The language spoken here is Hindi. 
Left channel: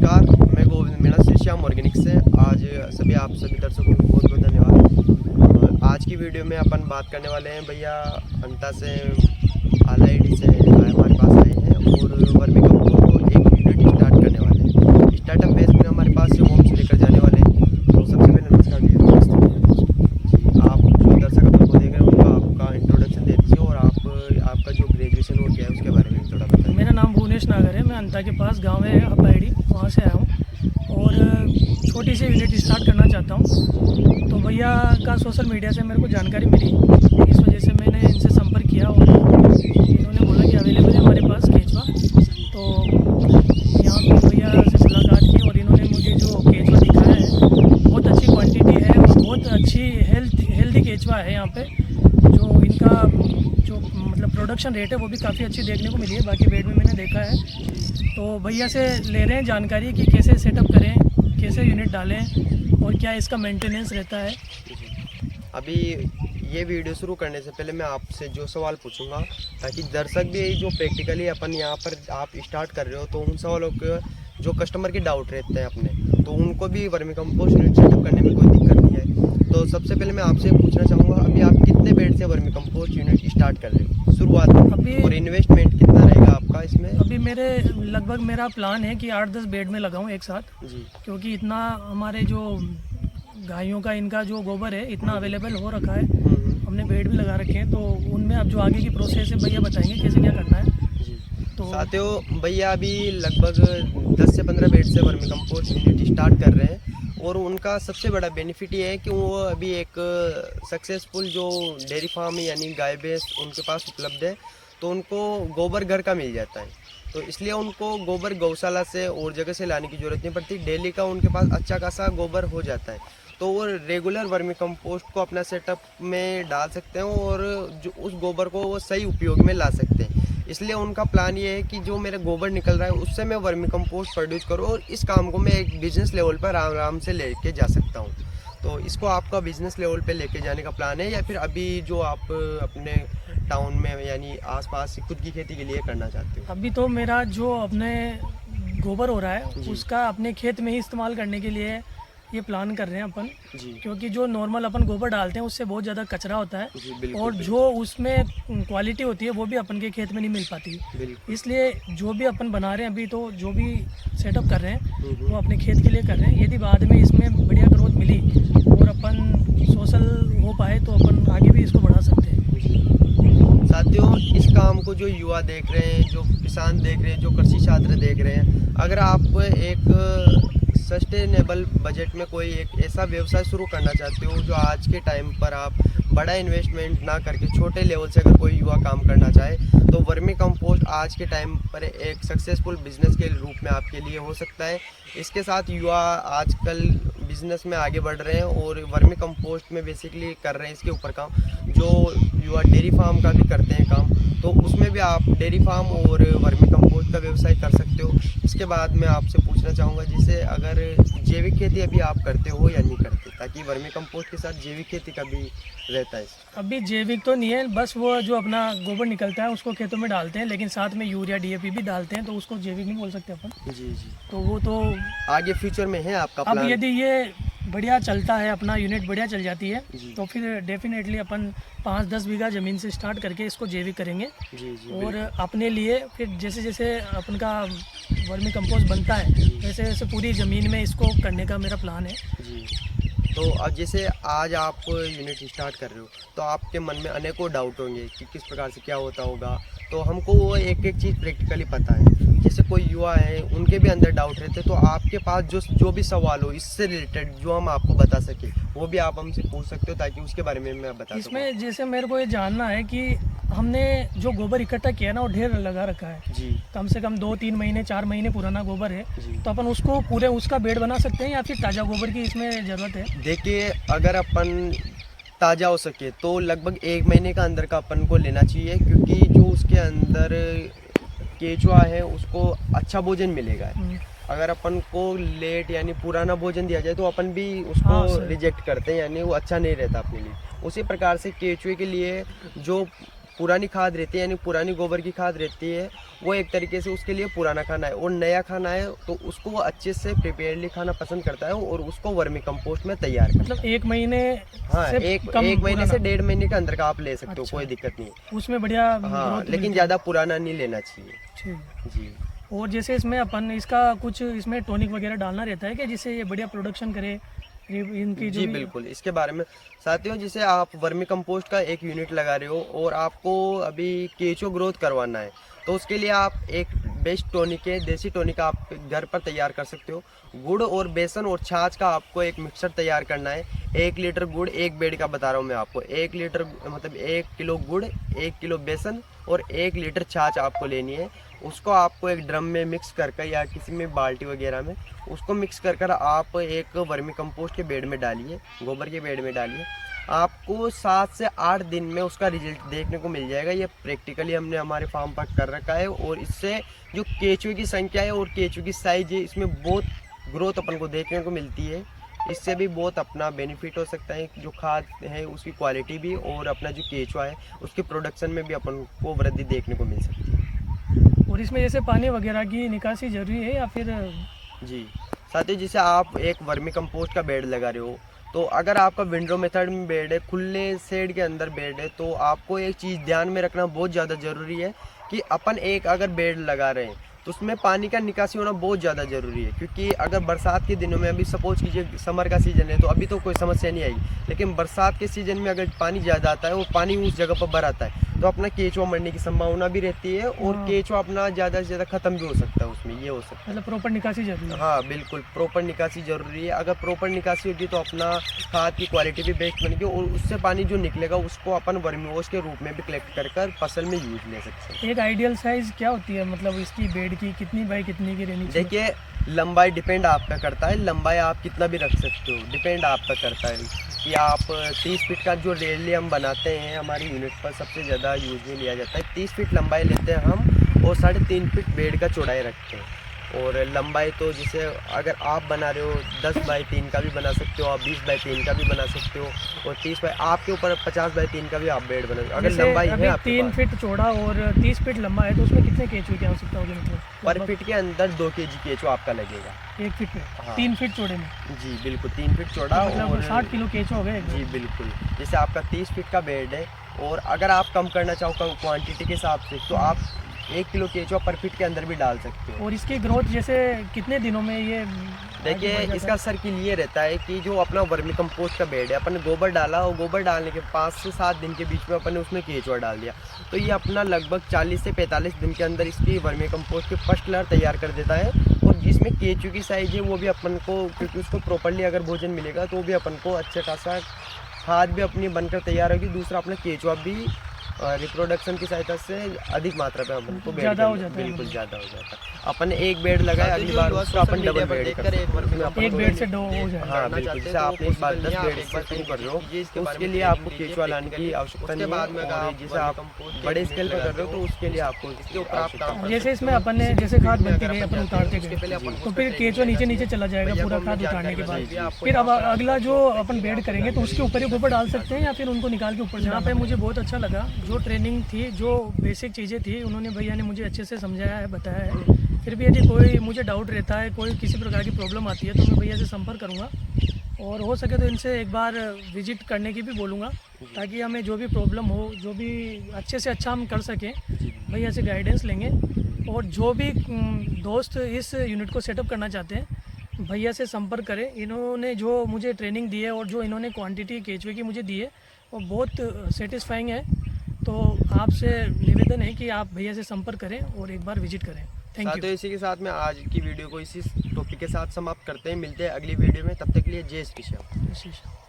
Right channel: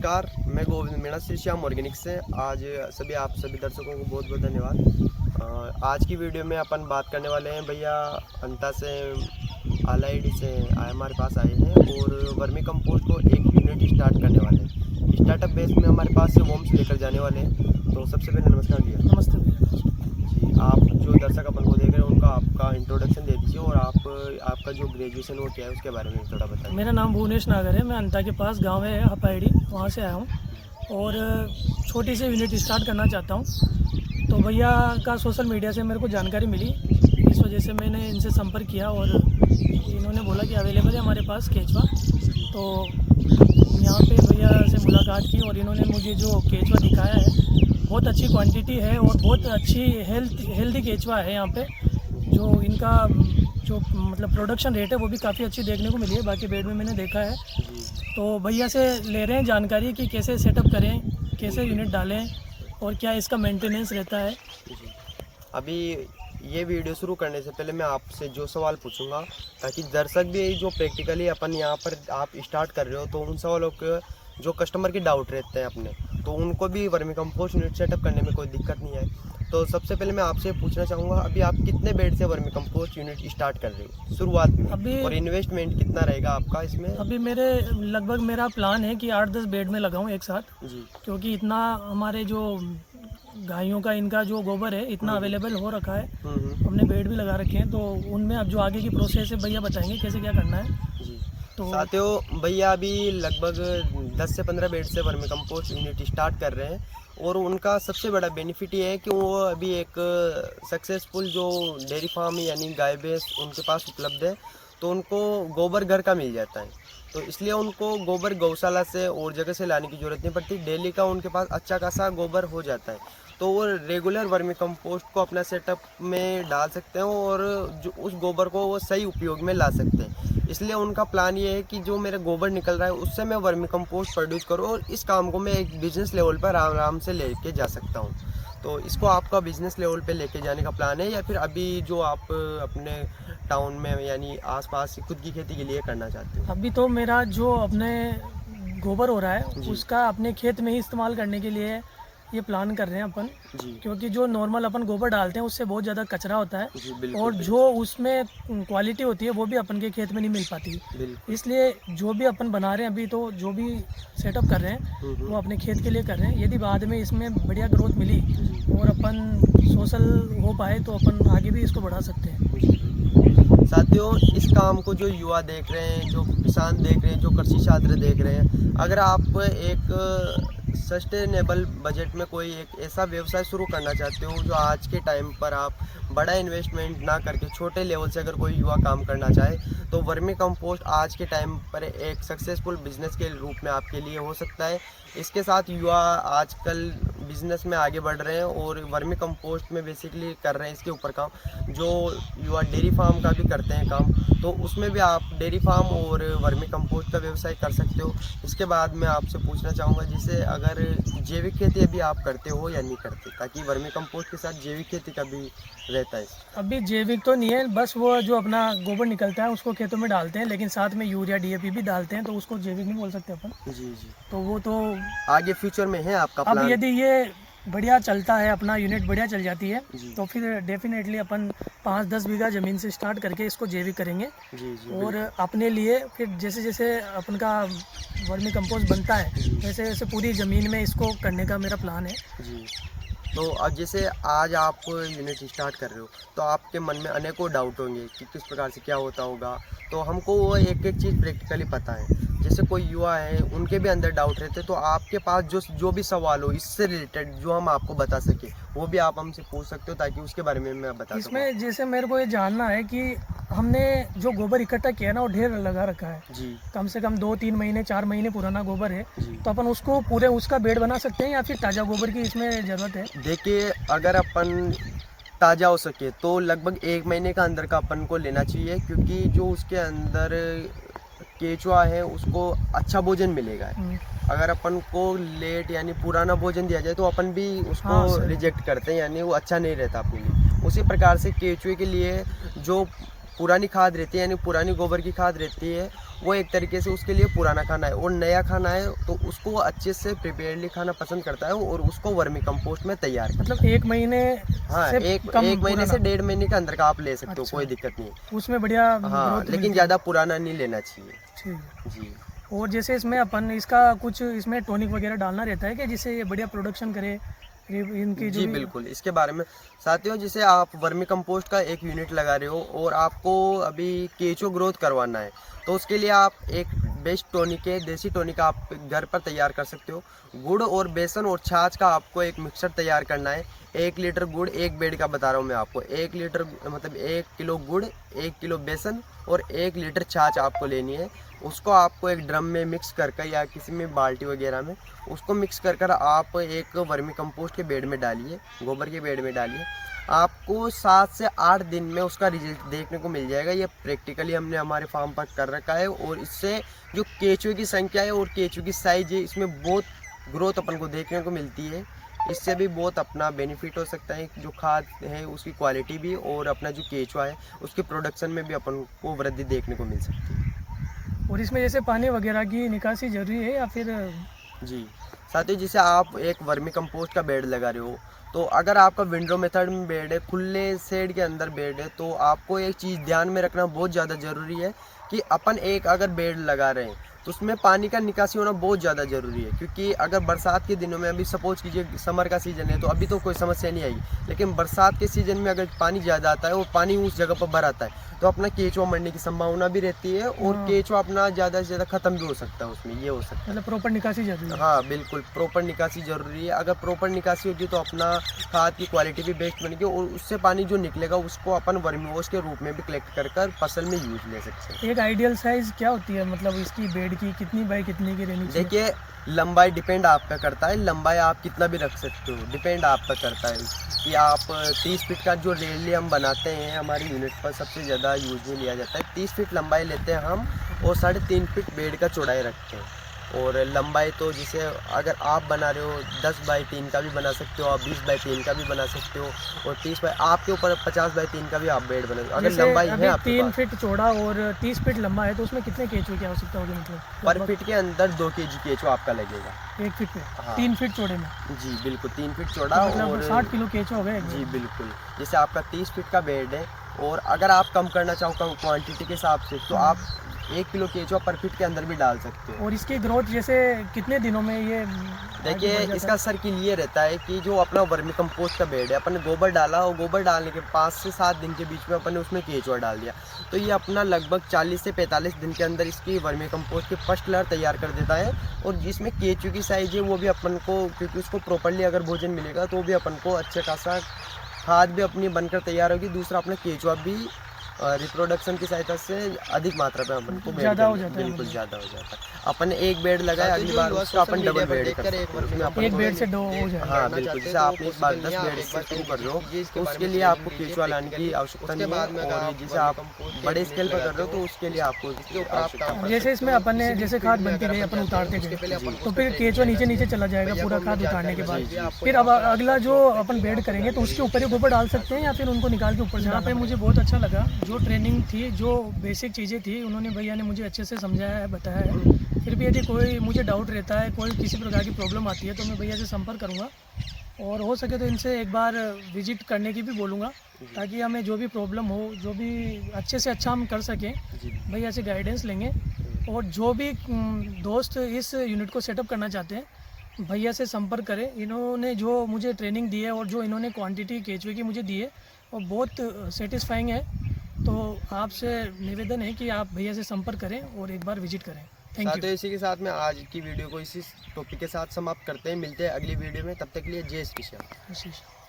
नमस्कार, मैं गोविंद मीणा श्री श्याम ऑर्गेनिक से। आज आप सभी दर्शकों को बहुत बहुत धन्यवाद। आज की वीडियो में अपन बात करने वाले हैं भैया अंता से आलाइड से हमारे पास आए हैं और वर्मी कंपोस्ट को एक यूनिट स्टार्ट करने वाले हैं। स्टार्टअप बेस में हमारे पास से होम्स लेकर जाने वाले हैं। तो सबसे पहले नमस्कार जी, आप जो दर्शक अपन को देख रहे हैं उनको आपका इंट्रोडक्शन दे दीजिए और आपका जो ग्रेजुएशन हो क्या है उसके बारे में थोड़ा बताइए। मेरा नाम भुवनेश नागर है। मैं अंता के पास गांव है हपाईडी, वहाँ से आया हूँ और छोटी सी यूनिट स्टार्ट करना चाहता हूँ। तो भैया का सोशल मीडिया से मेरे को जानकारी मिली, इस वजह से मैंने इनसे संपर्क किया और इन्होंने बोला कि अवेलेबल है हमारे पास केचुआ। तो यहाँ पे भैया से मुलाकात की और इन्होंने मुझे जो केचुआ दिखाया है बहुत अच्छी क्वांटिटी है और बहुत अच्छी हेल्दी केचुआ है। यहाँ पे जो इनका जो मतलब प्रोडक्शन रेट है वो भी काफ़ी अच्छी देखने को मिली है, बाकी बेड में मैंने देखा है। तो भैया से ले रहे हैं जानकारी कि कैसे सेटअप करें, कैसे यूनिट डालें और क्या इसका मेंटेनेंस रहता है। अभी ये वीडियो शुरू करने से पहले मैं आपसे जो सवाल पूछूंगा ताकि दर्शक भी जो प्रैक्टिकली अपन यहाँ पर आप स्टार्ट कर रहे हो तो उन सवालों के जो कस्टमर के डाउट रहते हैं अपने, तो उनको भी वर्मी कंपोस्ट यूनिट सेटअप करने में कोई दिक्कत नहीं है। तो सबसे पहले मैं आपसे पूछना चाहूँगा, अभी आप कितने बेड से वर्मी कंपोस्ट यूनिट स्टार्ट कर रहे हो शुरुआत में अभी और इन्वेस्टमेंट कितना रहेगा आपका इसमें? अभी मेरा प्लान है कि 8-10 बेड में लगाऊं एक साथ जी, क्योंकि इतना हमारे जो गायों का इनका जो गोबर है इतना अवेलेबल हो रखा है। हमने बेड भी लगा रखे हैं, तो उनमें अब जो आगे की प्रोसेस है भैया बताएंगे कैसे क्या करना है। तो साथियों भैया अभी लगभग 10 से 15 बेड से वर्मी कंपोस्ट यूनिट स्टार्ट कर रहे हैं और उनका सबसे बड़ा बेनिफिट ये है कि वो अभी एक सक्सेसफुल जो डेयरी फार्म यानी गाय भैंस उनके पास उपलब्ध है, तो उनको गोबर घर का मिल जाता है। तो इसलिए उनको गोबर गौशाला से और जगह से लाने की ज़रूरत नहीं पड़ती, डेली का उनके पास अच्छा खासा गोबर हो जाता है। तो वो रेगुलर वर्मी कंपोस्ट को अपना सेटअप में डाल सकते हैं और जो उस गोबर को वो सही उपयोग में ला सकते हैं। इसलिए उनका प्लान ये है कि जो मेरा गोबर निकल रहा है उससे मैं वर्मी कंपोस्ट प्रोड्यूस करूँ और इस काम को मैं एक बिजनेस लेवल पर आराम से लेके जा सकता हूँ। तो इसको आपका बिजनेस लेवल पे लेके जाने का प्लान है या फिर अभी जो आप अपने टाउन में यानी आसपास खुद की खेती के लिए करना चाहते हो? अभी तो मेरा जो अपने गोबर हो रहा है उसका अपने खेत में ही इस्तेमाल करने के लिए ये प्लान कर रहे हैं अपन जी, क्योंकि जो नॉर्मल अपन गोबर डालते हैं उससे बहुत ज़्यादा कचरा होता है जी, बिल्कुल, और जो उसमें क्वालिटी होती है वो भी अपन के खेत में नहीं मिल पाती। बिल्कुल। इसलिए जो भी अपन बना रहे हैं अभी, तो जो भी सेटअप कर रहे हैं वो अपने खेत के लिए कर रहे हैं। यदि बाद में इसमें बढ़िया ग्रोथ मिली और अपन सोशल हो पाए तो अपन आगे भी इसको बढ़ा सकते हैं। साथियों इस काम को जो युवा देख रहे हैं, जो किसान देख रहे हैं, जो कृषि छात्र देख रहे हैं, अगर आप एक सस्टेनेबल बजट में कोई एक ऐसा व्यवसाय शुरू करना चाहते हो जो आज के टाइम पर आप बड़ा इन्वेस्टमेंट ना करके छोटे लेवल से अगर कोई युवा काम करना चाहे तो वर्मी कंपोस्ट आज के टाइम पर एक सक्सेसफुल बिजनेस के रूप में आपके लिए हो सकता है। इसके साथ युवा आजकल बिजनेस में आगे बढ़ रहे हैं और वर्मी कंपोस्ट में बेसिकली कर रहे हैं इसके ऊपर काम। जो युवा डेयरी फार्म का भी करते हैं काम, तो उसमें भी आप डेयरी फार्म और वर्मी कंपोस्ट का व्यवसाय कर सकते हो। इसके बाद मैं आपसे पूछना चाहूँगा, जैसे अगर जैविक खेती अभी आप करते हो या नहीं करते, ताकि वर्मी कंपोस्ट के साथ जैविक खेती का भी रहता है? अभी जैविक तो नहीं है, बस वो जो अपना गोबर निकलता है उसको खेतों में डालते हैं, लेकिन साथ में यूरिया डीएपी भी डालते हैं, तो उसको जैविक नहीं बोल सकते अपन। जी जी, तो वो तो आगे फ्यूचर में है आपका अब प्लान? यदि ये बढ़िया चलता है, अपना यूनिट बढ़िया चल जाती है जी। तो फिर डेफिनेटली अपन 5-10 बीघा ज़मीन से स्टार्ट करके इसको जैविक करेंगे जी जी, और अपने लिए फिर जैसे जैसे अपन का वर्मी कंपोस्ट बनता है वैसे वैसे पूरी ज़मीन में इसको करने का मेरा प्लान है। जी। तो अब जैसे आज आप यूनिट स्टार्ट कर रहे हो तो आपके मन में अनेकों डाउट होंगे कि किस प्रकार से क्या होता होगा, तो हमको वो एक एक चीज़ प्रैक्टिकली पता है। जैसे कोई युवा है उनके भी अंदर डाउट रहते, तो आपके पास जो भी सवाल हो इससे रिलेटेड जो हम आपको बता सके वो भी आप हमसे पूछ सकते हो ताकि उसके बारे में मैं बता सकूं। इसमें जैसे मेरे को ये जानना है कि हमने जो गोबर इकट्ठा किया ना वो ढेर लगा रखा है, जी कम से कम 2-3 महीने 4 महीने पुराना गोबर है, जी। तो अपन उसको पूरे उसका बेड बना सकते हैं या फिर ताज़ा गोबर की इसमें ज़रूरत है? देखिए अगर अपन ताज़ा हो सके तो लगभग 1 महीने का अंदर का अपन को लेना चाहिए, क्योंकि जो उसके अंदर केचुआ है उसको अच्छा भोजन मिलेगा। अगर अपन को लेट यानी पुराना भोजन दिया जाए तो अपन भी उसको रिजेक्ट करते हैं, यानी वो अच्छा नहीं रहता अपने लिए। उसी प्रकार से केचुए के लिए जो पुरानी खाद रहती है यानी पुरानी गोबर की खाद रहती है, वो एक तरीके से उसके लिए पुराना खाना है, और नया खाना है तो उसको वो अच्छे से प्रिपेयरली खाना पसंद करता है और उसको वर्मी कंपोस्ट में तैयार करता है। मतलब 1 महीने हाँ, से एक कम महीने पुराना। से 1.5 महीने के अंदर का आप ले सकते हो, अच्छा। कोई दिक्कत नहीं है। उसमें बढ़िया हाँ, ग्रोथ लेकिन मिलती ज़्यादा पुराना नहीं लेना चाहिए। है। ठीक। जी और जैसे इसमें अपन इसका कुछ इसमें टॉनिक वगैरह डालना रहता है कि जिससे ये बढ़िया प्रोडक्शन करे, इनकी जो जी भी। बिल्कुल, इसके बारे में साथियों, जैसे आप वर्मी कंपोस्ट का एक यूनिट लगा रहे हो और आपको अभी केचो ग्रोथ करवाना है, तो उसके लिए आप एक बेस्ट टॉनिक है, देसी टॉनिक आप घर पर तैयार कर सकते हो। गुड़ और बेसन और छाछ का आपको एक मिक्सचर तैयार करना है। 1 लीटर गुड़, 1 बेड का बता रहा हूँ मैं आपको, 1 लीटर मतलब 1 किलो गुड़, 1 किलो बेसन और 1 लीटर छाछ आपको लेनी है। उसको आपको एक ड्रम में मिक्स करके या किसी में बाल्टी वगैरह में उसको मिक्स कर आप एक वर्मी कंपोस्ट के बेड में डालिए, गोबर के बेड में डालिए। आपको 7 से 8 दिन में उसका रिजल्ट देखने को मिल जाएगा। ये प्रैक्टिकली हमने हमारे फार्म पर कर रखा है, और इससे जो केचुए की संख्या है और केचुए की साइज है, इसमें बहुत ग्रोथ अपन को देखने को मिलती है। इससे भी बहुत अपना बेनिफिट हो सकता है, जो खाद है उसकी क्वालिटी भी और अपना जो केचुआ है उसके प्रोडक्शन में भी अपन को वृद्धि देखने को मिल सकती है। और इसमें जैसे पानी वगैरह की निकासी जरूरी है या फिर? जी साथ ही, जैसे आप एक वर्मी कंपोस्ट का बेड लगा रहे हो, तो अगर आपका विंडो मेथड में बेड है, खुले शेड के अंदर बेड है, तो आपको एक चीज़ ध्यान में रखना बहुत ज़्यादा ज़रूरी है कि अपन एक अगर बेड लगा रहे हैं तो उसमें पानी का निकासी होना बहुत ज़्यादा ज़रूरी है। क्योंकि अगर बरसात के दिनों में, अभी सपोज कीजिए समर का सीज़न है तो अभी तो कोई समस्या नहीं आएगी, लेकिन बरसात के सीज़न में अगर पानी ज़्यादा आता है और पानी उस जगह पर भर आता है तो अपना केचुआ मरने की संभावना भी रहती है, और हाँ। केचुआ अपना ज़्यादा से ज़्यादा ख़त्म भी हो सकता है उसमें, ये हो सकता है। मतलब प्रॉपर निकासी जरूरी है। हाँ बिल्कुल, प्रॉपर निकासी जरूरी है। अगर प्रॉपर निकासी होगी तो अपना खाद की क्वालिटी भी बेस्ट बनेगी, और उससे पानी जो निकलेगा उसको अपन वर्मी वॉश के रूप में भी कलेक्ट कर फसल में यूज ले सकते हैं। एक आइडियल साइज क्या होती है, मतलब इसकी बेड की कितनी बाई कितनी की रहनी चाहिए? देखिए, लंबाई डिपेंड आप पे करता है, लंबाई आप कितना भी रख सकते हो, डिपेंड आप पे करता है कि आप 30 फीट का जो रेयरली हम बनाते हैं हमारी यूनिट पर सबसे ज़्यादा यूज में लिया जाता है। 30 फीट लंबाई लेते हैं हम, और 3.5 फीट बेड का चौड़ाई रखते हैं। और लंबाई तो जैसे अगर आप बना रहे हो 10 बाई 3 का भी बना सकते हो, आप 20 बाई 3 का भी बना सकते हो, और 30 बाई आपके ऊपर 50 बाई 3 का भी आप बेड बना सकते हो। अगर जैसे लंबाई अभी है आपके 3 पास, फीट चौड़ा और 30 फीट लंबा है तो उसमें कितने केचुए की आवश्यकता होगी? मतलब पर फीट के अंदर 2 kg केचुआ आपका लगेगा। 1 फीट में हाँ। 3 फीट चौड़े में? जी बिल्कुल, 3 फीट चौड़ा, मतलब और 60 किलो केचुआ हो गए। जी बिल्कुल। जैसे आपका 30 फीट का बेड है, और अगर आप कम करना चाहो कम क्वांटिटी के हिसाब से, तो आप 1 किलो केचुआ पर फीट के अंदर भी डाल सकते हो। और इसकी ग्रोथ जैसे कितने दिनों में ये देखिए, आगे बढ़ इसका जाता सर्किल ये रहता है कि जो अपना वर्मी कंपोस्ट का बेड है, अपन ने गोबर डाला, और गोबर डालने के 5 से 7 दिन के बीच में अपन ने उसमें केचुआ डाल दिया, तो ये अपना लगभग 40 से 45 दिन के अंदर इसकी वर्मी कंपोस्ट की फर्स्ट लेयर तैयार कर देता है। और जिसमें केचुए की साइज है वो भी अपन को, क्योंकि उसको प्रॉपरली अगर भोजन मिलेगा तो भी अपन को अच्छे खासा खाद भी अपनी बनकर तैयार होगी। दूसरा, अपना केचुआ भी रिप्रोडक्शन की सहायता से अधिक मात्रा पे अपन को ज़्यादा हो जाता है, बिल्कुल मतलब। ज़्यादा हो जाता है। अपन एक बेड लगाया, अगली बार उसको अपन डबल बेड कर सकते हैं। एक बेड से 2 हो जाए। हाँ बिल्कुल, जैसे आप इस बार 10 बेड से शुरू कर रहे हो तो उसके लिए आपको केचुआ लाने की आवश्यकता नहीं है, और जैसे आप बड़े स्केल पर कर रहे हो तो उसके लिए आपको आवश्यकता। जैसे इसमें अपन ने जैसे खाद बनती गई, अपन उतारते गए, तो फिर केचुआ नीचे नीचे चला जाएगा पूरा खाद उतारने के बाद। फिर अब अगला जो अपन बेड करेंगे तो उसके ऊपर ही गोबर डाल सकते हैं या फिर उनको निकाल के ऊपर? यहाँ पे मुझे बहुत अच्छा लगा, जो ट्रेनिंग थी, जो बेसिक चीज़ें थी, उन्होंने भैया ने मुझे अच्छे से समझाया है, बताया है। फिर भी यदि कोई मुझे डाउट रहता है, कोई किसी प्रकार की प्रॉब्लम आती है, तो मैं भैया से संपर्क करूँगा, और हो सके तो इनसे एक बार विजिट करने की भी बोलूँगा, ताकि हमें जो भी प्रॉब्लम हो, जो भी अच्छे से अच्छा हम कर सकें, भैया से गाइडेंस लेंगे। और जो भी दोस्त इस यूनिट को सेटअप करना चाहते हैं, भैया से संपर्क करें। इन्होंने जो मुझे ट्रेनिंग दी है और जो इन्होंने क्वांटिटी केचुए की मुझे दी है वो बहुत सेटिस्फाइंग है। तो आपसे निवेदन है कि आप भैया से संपर्क करें और एक बार विजिट करें। Thank you. साथियों, इसी के साथ में आज की वीडियो को इसी टॉपिक के साथ समाप्त करते हैं। मिलते हैं अगली वीडियो में, तब तक के लिए जय श्री श्याम।